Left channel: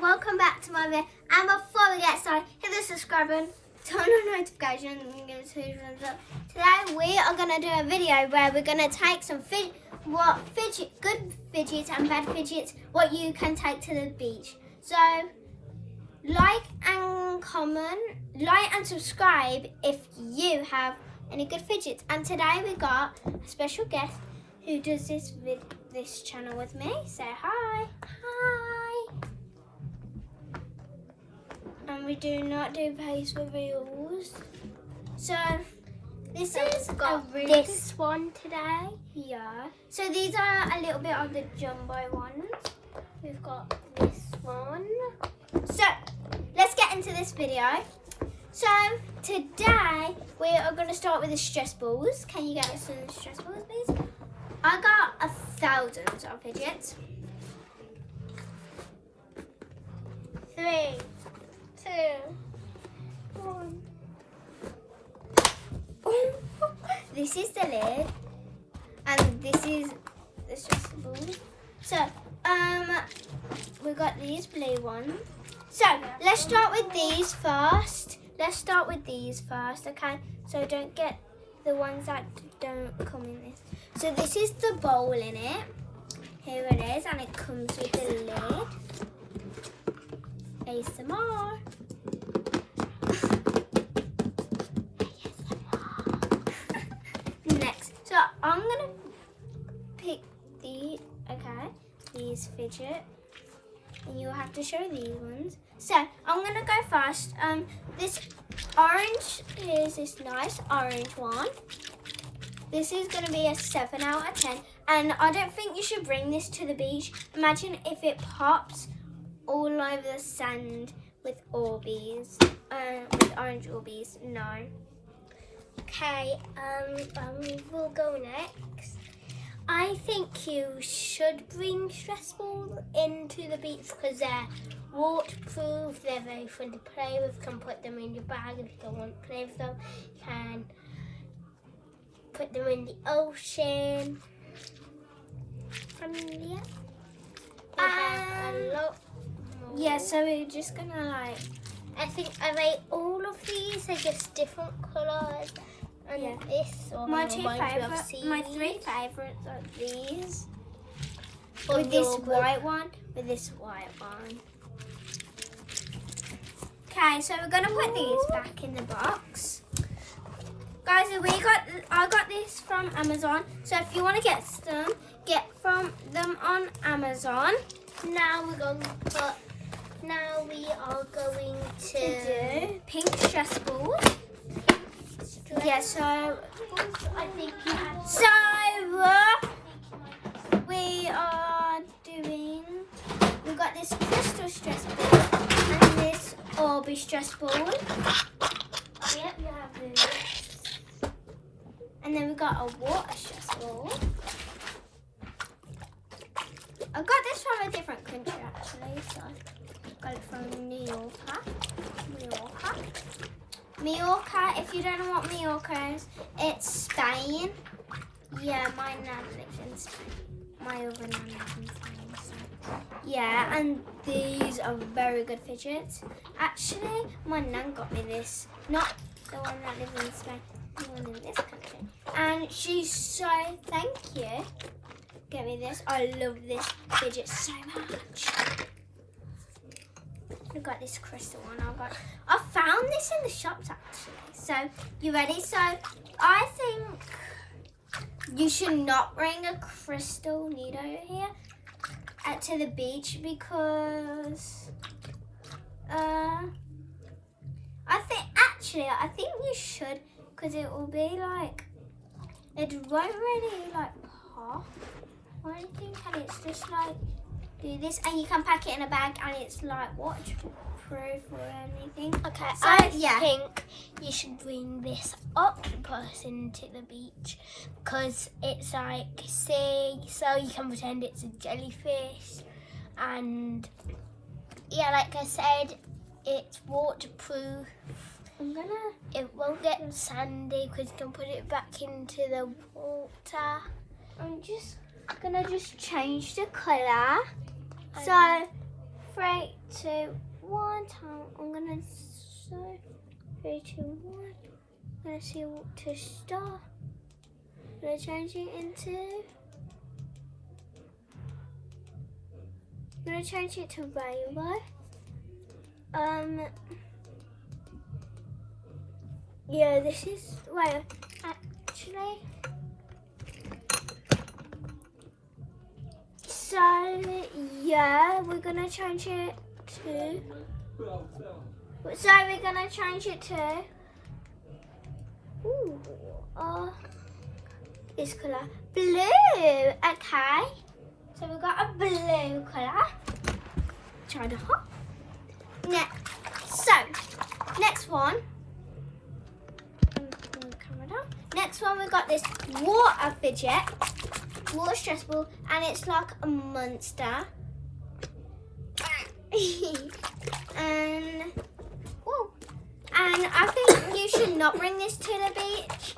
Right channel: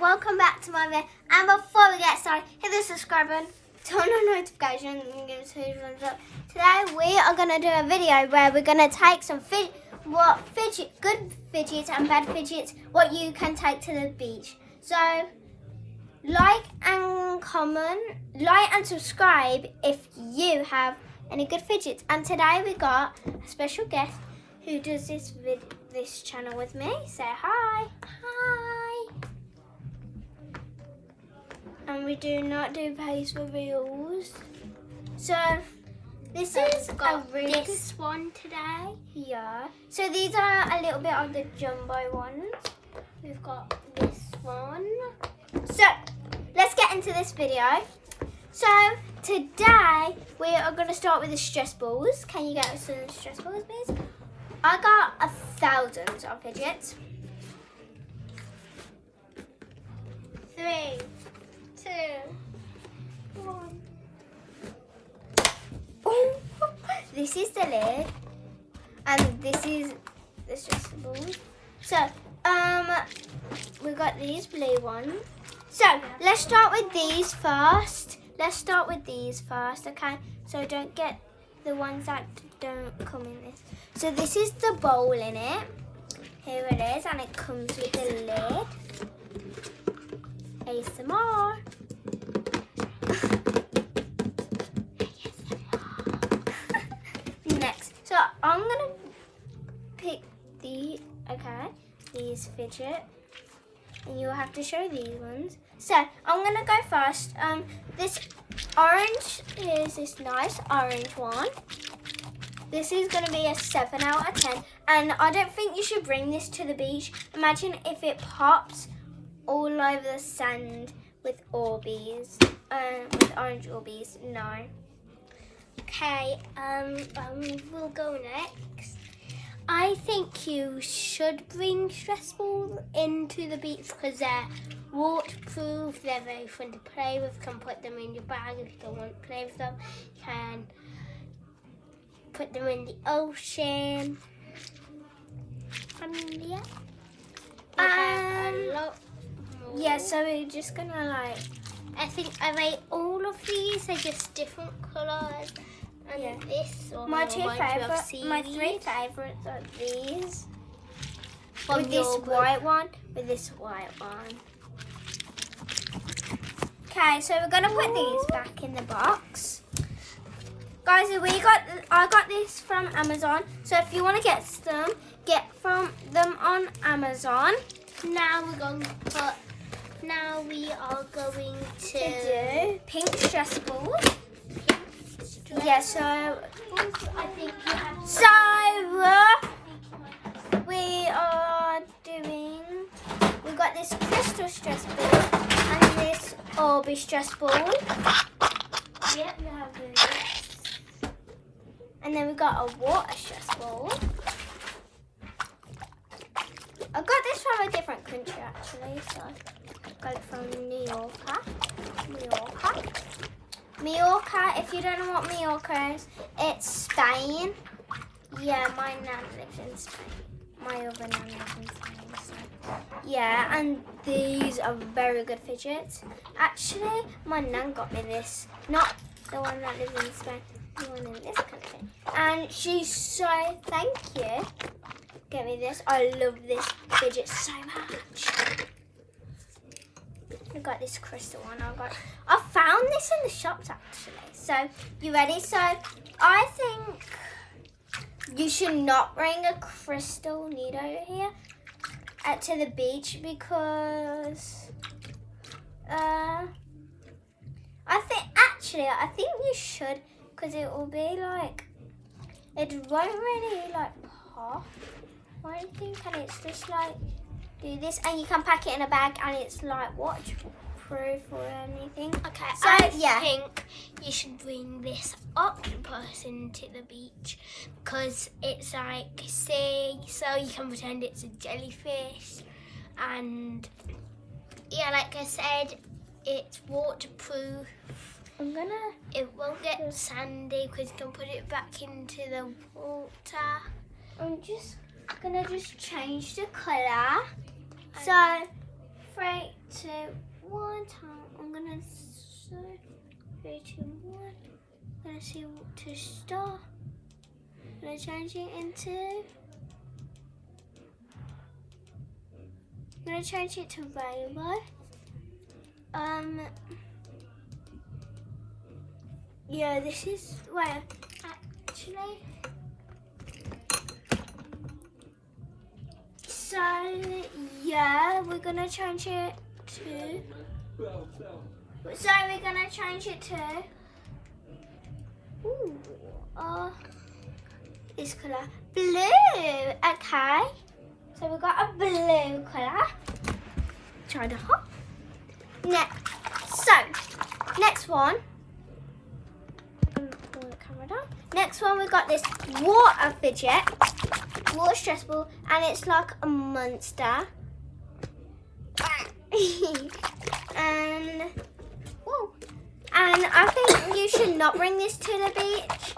welcome back to my video. And before we get started, hit the subscribe button, turn on notifications, and give us a thumbs up. Today we are gonna do a video where we're gonna take some good fidgets and bad fidgets, what you can take to the beach. So like and comment, like and subscribe if you have any good fidgets. And today we got a special guest who does this channel with me. Say hi. Hi. And we do not do face reveals. So this is this one today. Yeah. So these are a little bit of the jumbo ones. We've got this one. So let's get into this video. So today we are going to start with the stress balls. Can you get us some stress balls, please? I got 1,000 of fidgets. 3, 2, 1. Oh, this is the lid, and this is the stress balls. So we got these blue ones. So let's start with these first. Okay? So don't get the ones that don't come in this. So this is the bowl in it. Here it is, and it comes with the lid. ASMR. Next, so I'm gonna pick these fidget, and you will have to show these ones. So I'm gonna go first. This orange is this nice orange one. This is going to be a 7 out of 10, and I don't think you should bring this to the beach. Imagine if it pops all over the sand with Orbeez, with orange Orbeez. No. Okay, we'll go next. I think you should bring stress balls into the beach because they're waterproof, they're very fun to play with. You can put them in your bag if you don't want to play with them. You can put them in the ocean. And yeah, so we're just gonna I think I rate all of these are just different colours. And yeah. This one my 3 favorites are these. With this white one, Okay, so we're gonna put these back in the box. Guys, I got this from Amazon. So if you want to get from them on Amazon. Now we are going to do pink stress balls. Yeah, so I think you have we've got this crystal stress ball and this Orbeez stress ball. Yep, you have this. And then we got a water stress ball. I got this from a different country actually, so I got it from New York. If you don't know what Mallorca is, it's Spain. Yeah, my nan lives in Spain. My other nan lives in Spain. So. Yeah, and these are very good fidgets. Actually, my nan got me this, not the one that lives in Spain, the one in this country. And she's so thank you. Get me this. I love this fidget so much. I got this crystal one. I found this in the shops actually. So you ready? So I think you should not bring a crystal needle here to the beach because I think you should, because it will be it won't really pop or anything, and it's just do this, and you can pack it in a bag, and it's waterproof or anything. Okay, so I think you should bring this octopus into the beach because it's sea, so you can pretend it's a jellyfish, and yeah, like I said, it's waterproof. It won't get sandy because you can put it back into the water. I'm just gonna change the colour. So 3, 2, 1. I'm gonna say 3, 2, 1. I'm gonna see what to start. I'm gonna change it into. I'm gonna change it to rainbow. Yeah, this is wait. Actually, so yeah, we're gonna change it to. So we're gonna change it to. Ooh, this colour, blue. Okay, so we've got a blue colour. Try the hot. Next one. Next one, we got this water fidget, water stress ball, and it's like a monster. and I think you should not bring this to the beach.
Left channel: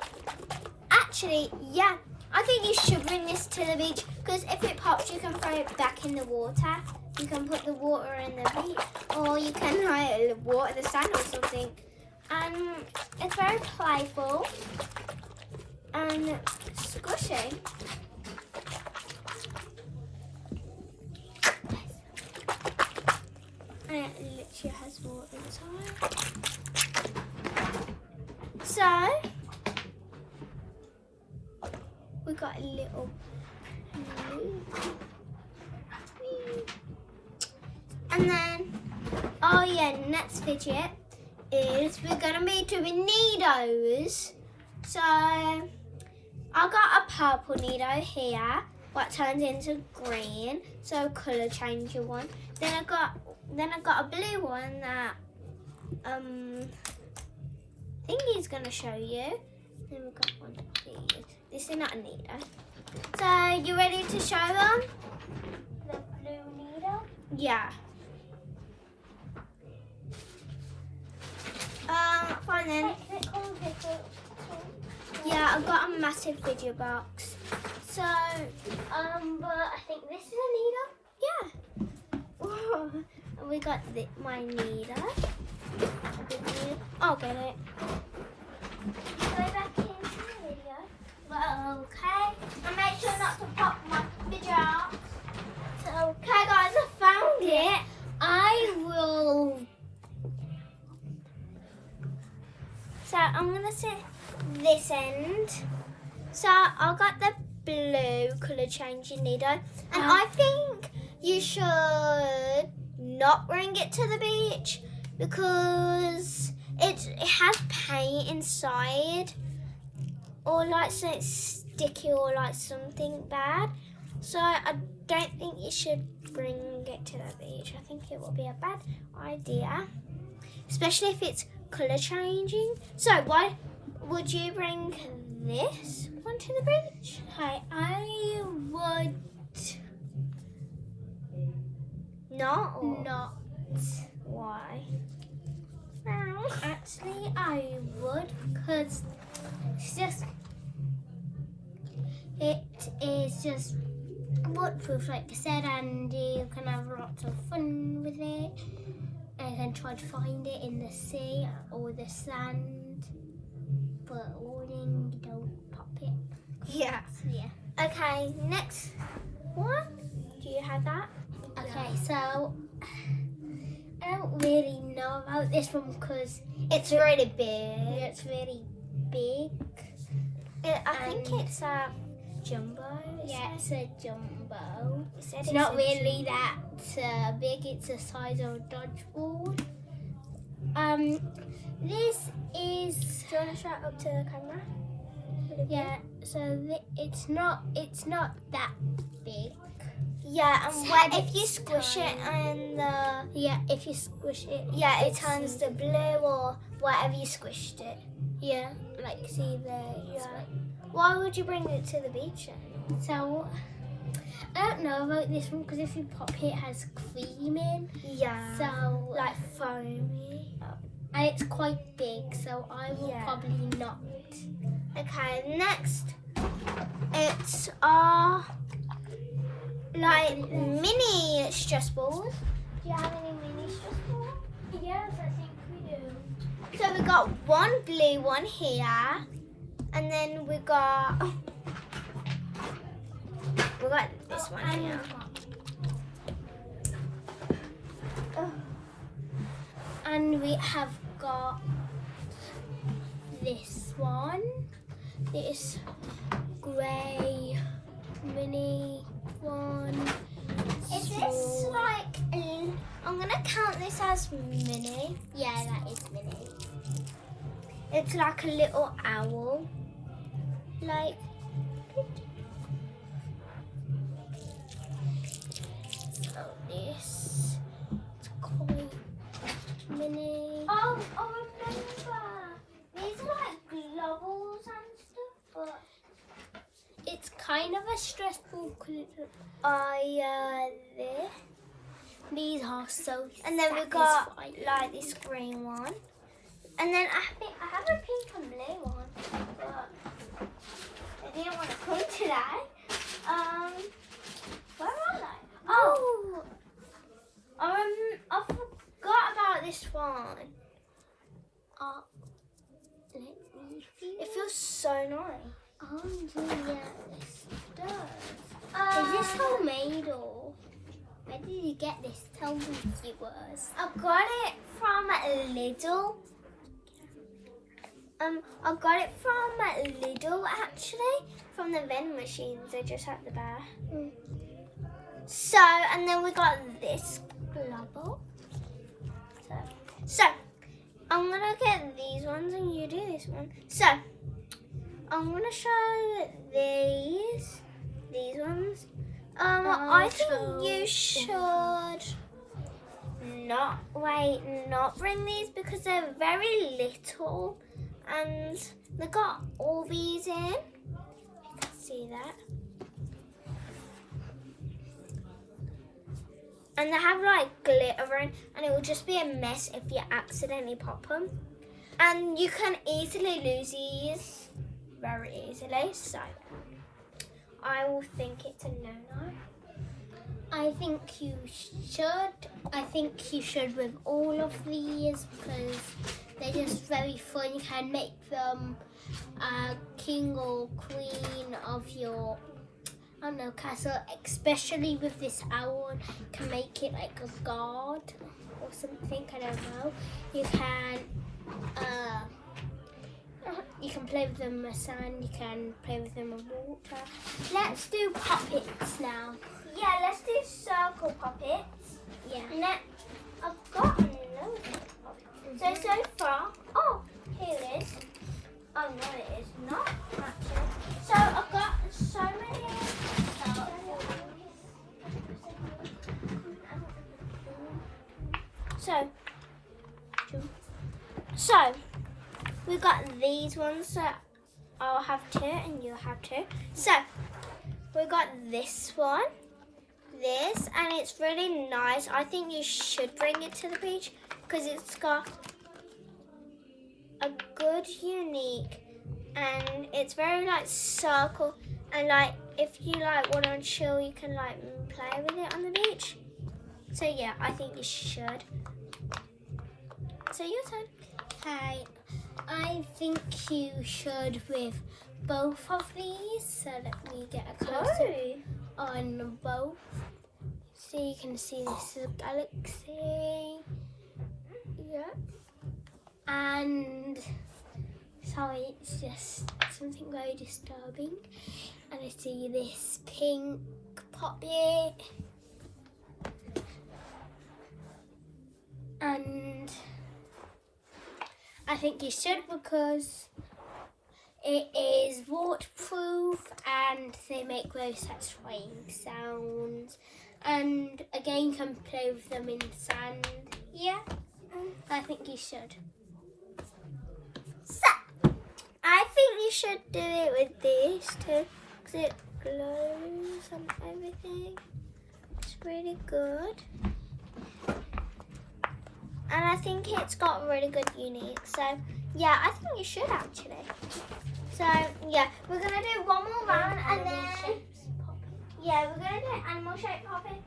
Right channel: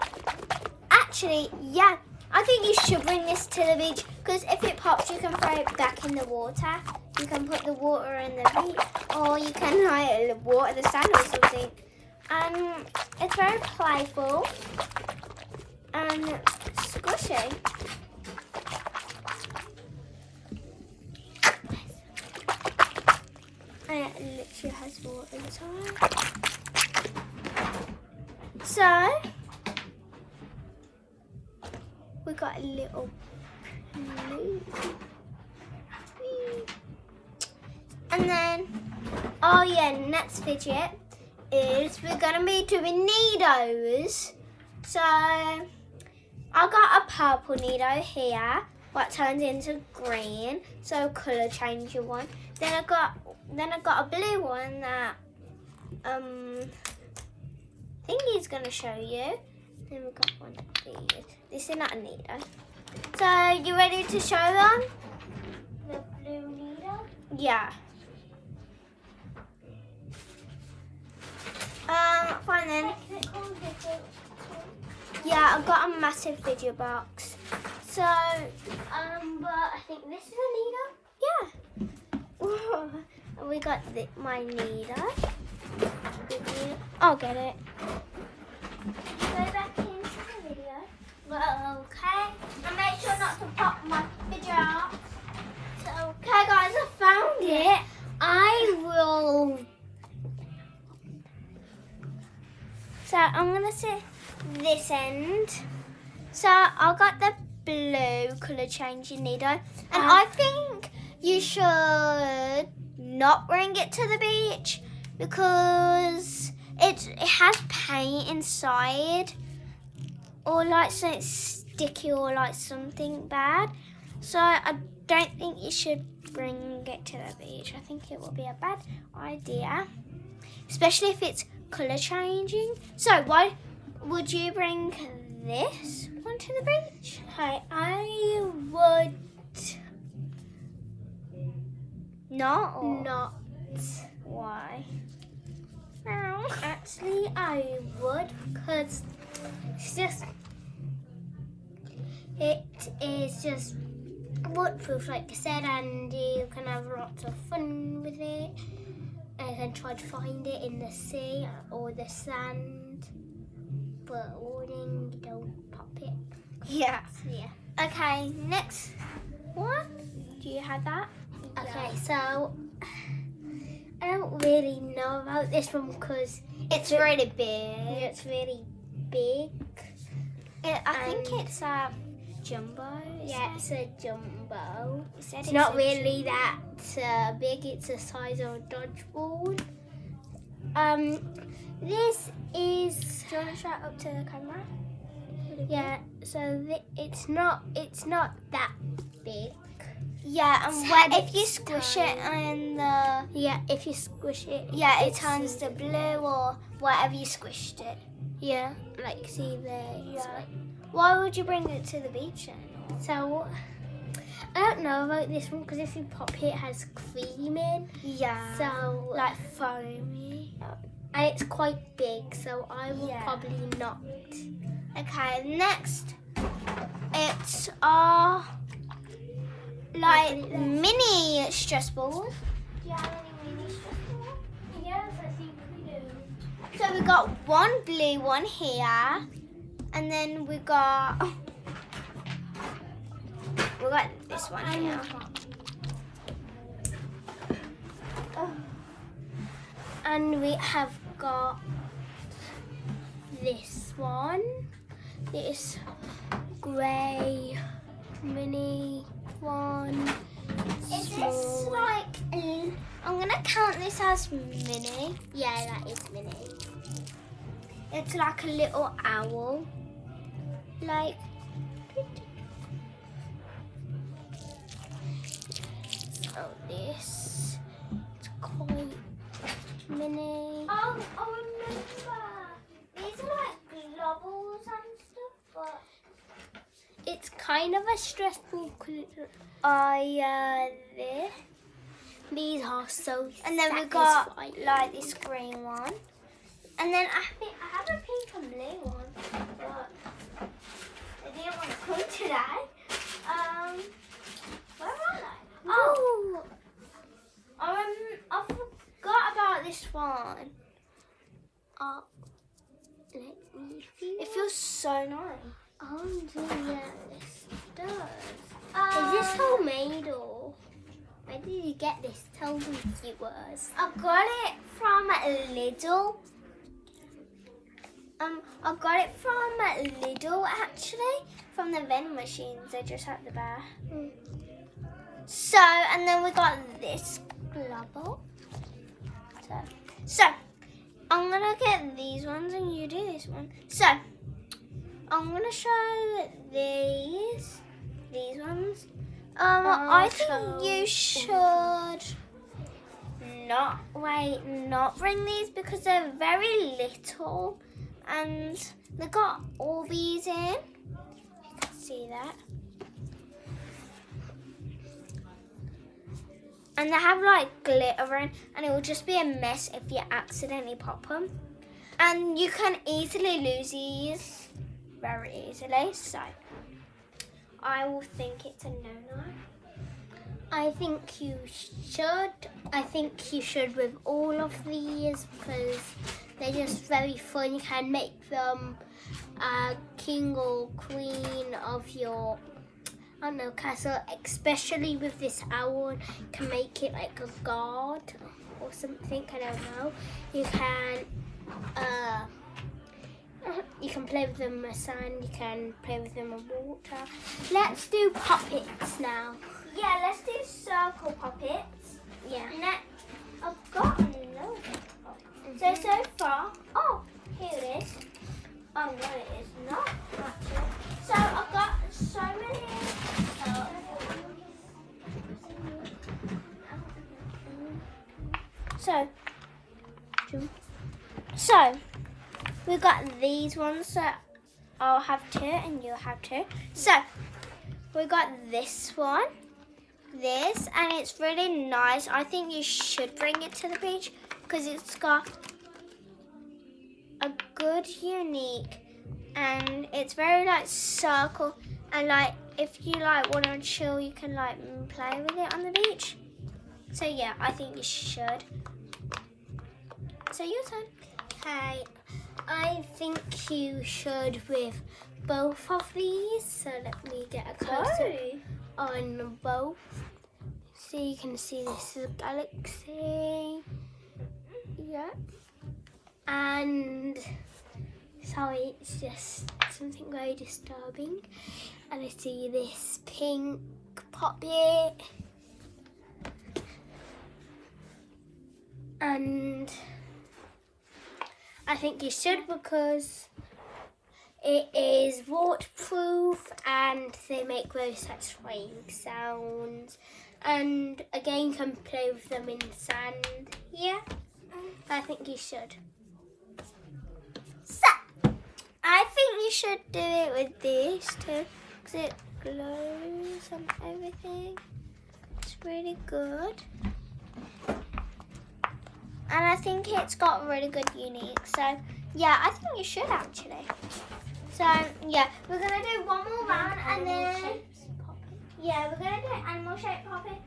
Actually, yeah, I think you should bring this to the beach because if it pops, you can throw it back in the water. You can put the water in the beach, or you can like water the sand or something. It's very playful and squishy. And it literally has water inside. So we got a little blue. And then, oh yeah, next fidget is we're gonna be doing needles. So I got a purple needle here, what turns into green, so colour changer one. Then I got a blue one that Thingy's gonna show you. Then we got one of these. This is not a needle. So you ready to show them? The blue needle? Yeah. Fine then. Yeah, I've got a massive video box. So, but I think this is a needle. Yeah. We got my needle. I'll get it. Go back into the video. Well, okay. And make sure not to pop my video. So, okay guys, I found it. I will. So I'm gonna sit this end. So I got the blue colour changing needle, and I think you should not bring it to the beach because it has paint inside, or like something sticky, or like something bad. So I don't think you should bring it to the beach. I think it would be a bad idea, especially if it's colour changing. So why would you bring this one to the beach? Hey, I would not. Or not. Why? No. Actually, I would, because it is just waterproof, like I said, and you can have lots of fun with it. And you can try to find it in the sea or the sand, but warning, you don't pop it. Yeah. So, yeah. Okay, next one. Do you have that? Okay, so I don't really know about this one because It's really big. it's really big. I think it's a jumbo. Yeah, it's a jumbo. It's It's not really that big. It's the size of a dodgeball. This is. Do you want to show it up to the camera? Yeah. So it's not that big. Yeah, and So if you it's squish it tiny. and the Yeah, if you squish it. it turns to blue or whatever you squished it. Yeah, like see there. Yeah. Why would you bring it to the beach then? So I don't know about this one because if you pop it, it has cream in. Yeah. So like foamy. and it's quite big, so I will Yeah. probably not. Okay, next it's our like mini stress balls. Do you have any mini got one blue one here, and then we got this one here. And we have got this one, this grey mini one. Is this like, I'm gonna count this as mini. Yeah, that is mini. It's like a little owl. Like, This it's quite mini. oh, remember. These are like globals and stuff, but It's kind of a stressful colour. this. These are so And then we got satisfying. like this green one. And then I think I have a pink and blue one, but I didn't want to come today. Where are they? Oh, I forgot about this one. Let me see. It feels so nice. Oh yeah, this does. Is this homemade or where did you get this? Tell me, viewers. I got it from Lidl. I got it from Lidl actually, from the vending machines. They're just at the bar. So, and then we got this global. So I'm gonna get these ones and you do this one. So I'm gonna show these ones. I think you should not bring these because they're very little and they got all these in. You can see that. And they have like glitter in, and it will just be a mess if you accidentally pop them. And you can easily lose these very easily, so I will think it's a no-no. I think you should. I think you should with all of these because they're just very fun. You can make them king or queen of your, I don't know, castle. Especially with this owl, you can make it like a god or something. I don't know. You can play with them in the sand. You can play with them in water. Let's do puppets now. Yeah, let's do circle puppets. Yeah. Next, I've got another puppet. So far, oh, here it is. Oh no, it is not. So I've got so many. So we've got these ones that I'll have two and you'll have two. So we got this one, this, and it's really nice. I think you should bring it to the beach because it's got a good unique and it's very like circle, and like if you like want to chill you can like play with it on the beach. So yeah, I think you should. So your turn. Okay, I think you should with both of these. So let me get a close up on both. So you can see this is a galaxy. Yeah. And sorry, it's just something very disturbing. And I see this pink puppet. And I think you should because it is waterproof and they make very satisfying sounds. And again, you can play with them in the sand. Yeah, I think you should. So I think you should do it with this too because it glows and everything. It's really good. And I think it's got really good unique. So yeah, I think you should actually. So yeah, we're gonna do one more round and then yeah, we're gonna do animal shape popping.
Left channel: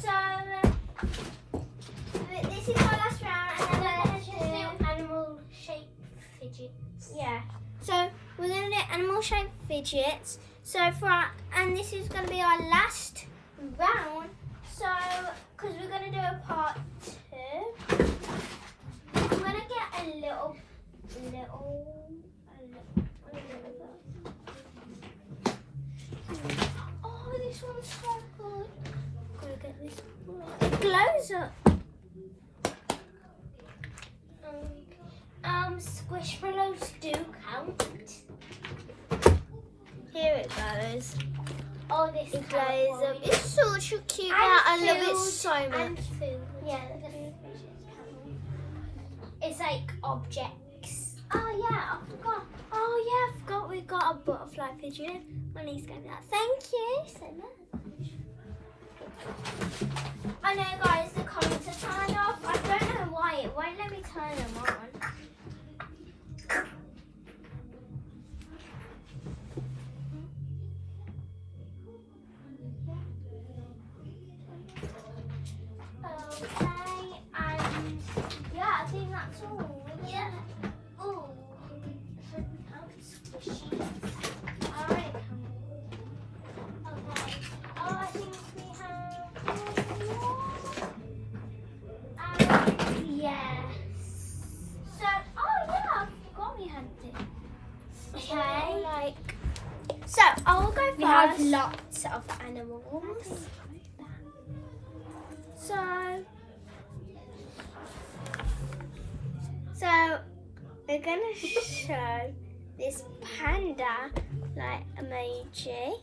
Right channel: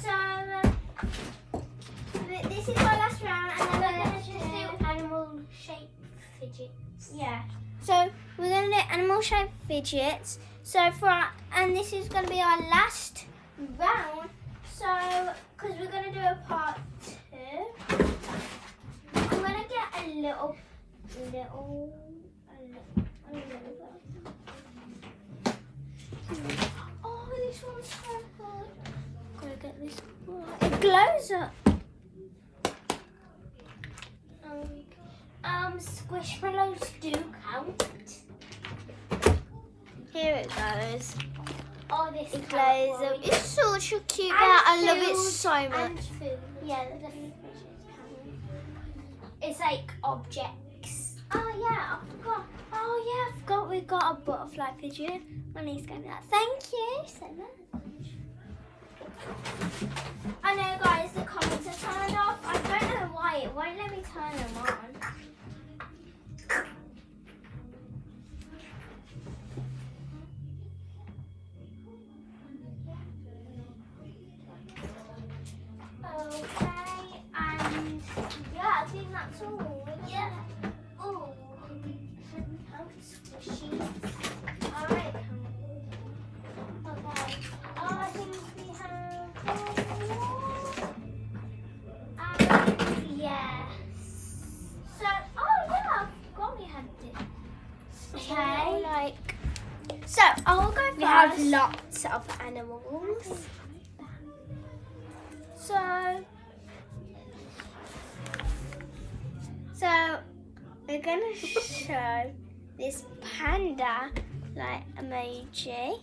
So this is our last round and then we're gonna just do Animal Yeah. So we're going to do animal shaped fidgets. So and this is going to be our last round. So, because we're going to do a part 2, I'm going to get a little. Oh, this one's so good. Gotta get this. It glows up. Squishmallows do count. Here it goes. Oh, this It glows up. It's such a cute And I love it food. so much. And food. Yeah, look at these fishes. It's like objects. Oh yeah, I forgot. Oh yeah, I forgot we got a butterfly fidget. My niece gave me that. Thank you so much. I know, guys, the comments are turned off. I don't know why it won't let me turn them on. Okay, and yeah, I think that's all. Yeah. Oh, squishy. Alright. Okay. Oh, I think we have. Yes. So, oh yeah, I forgot we had this. Okay. So, I'll go first. We have lots of animals. So we're gonna show this panda emoji. I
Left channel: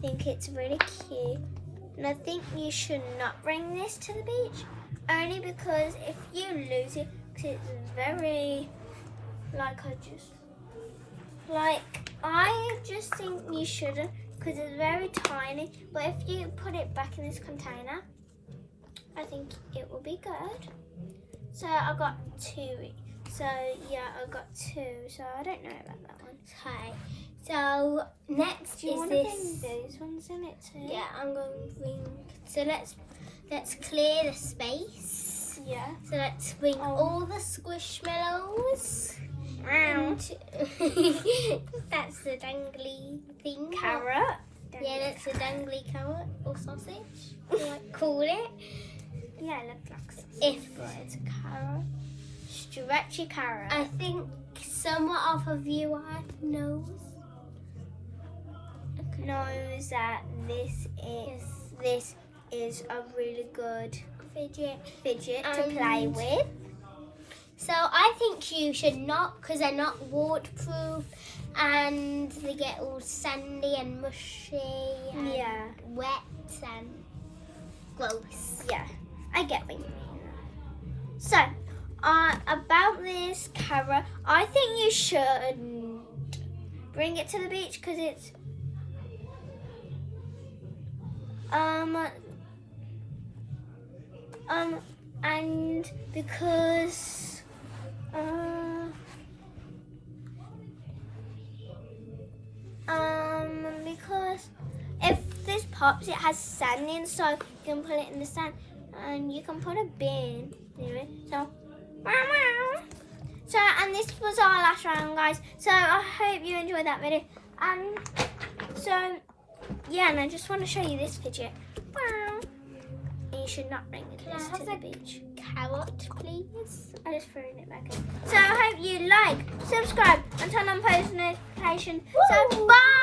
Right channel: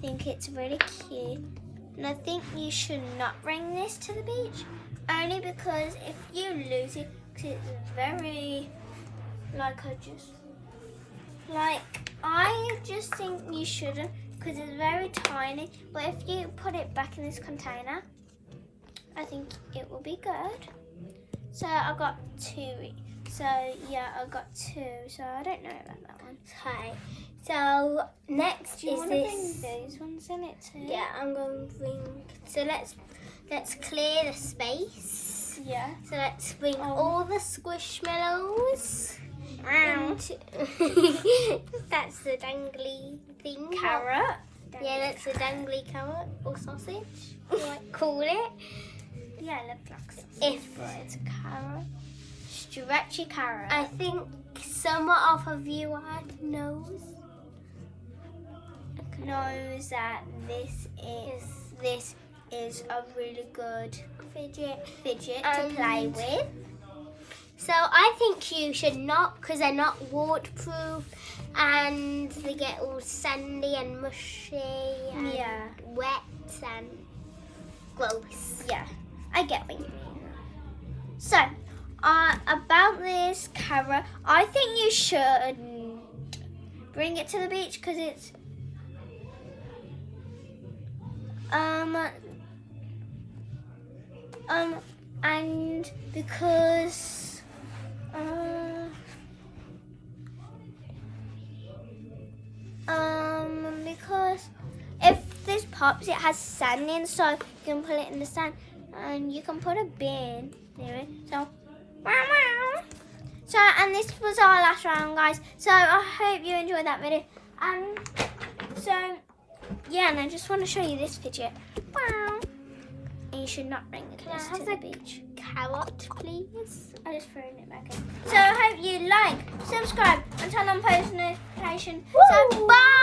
think it's really cute, and I think you should not bring this to the beach, only because if you lose it, cause it's very I just think you shouldn't, because it's very tiny. But if you put it back in this container, I think it will be good. So I got 2. So yeah, I got 2. So I don't know about that one. Okay. So next Do you is want this. to bring those ones in it too? Yeah, I'm going to bring. So let's clear the space. Yeah. So let's bring all the squishmallows. Wow. That's the dangly thing. Carrot. Yeah, that's a dangly carrot or sausage. Yeah, call it. Yeah, it looks like If it's a carrot. Stretchy carrot. I think some of a viewer knows that this is a really good fidget to play with. So I think you should not, because they're not waterproof and they get all sandy and mushy and wet and gross. Yeah, I get what you mean. So, about this carrot, I think you should bring it to the beach because it's and because if this pops, it has sand inside. You can put it in the sand, and you can put a bin near it. So, and this was our last round, guys. So I hope you enjoyed that video. And so, yeah, and I just want to show you this fidget. Wow. And you should not bring it to the beach. Carrot, please. I just threw it back in. So I hope you like, subscribe, and turn on post notifications. So bye.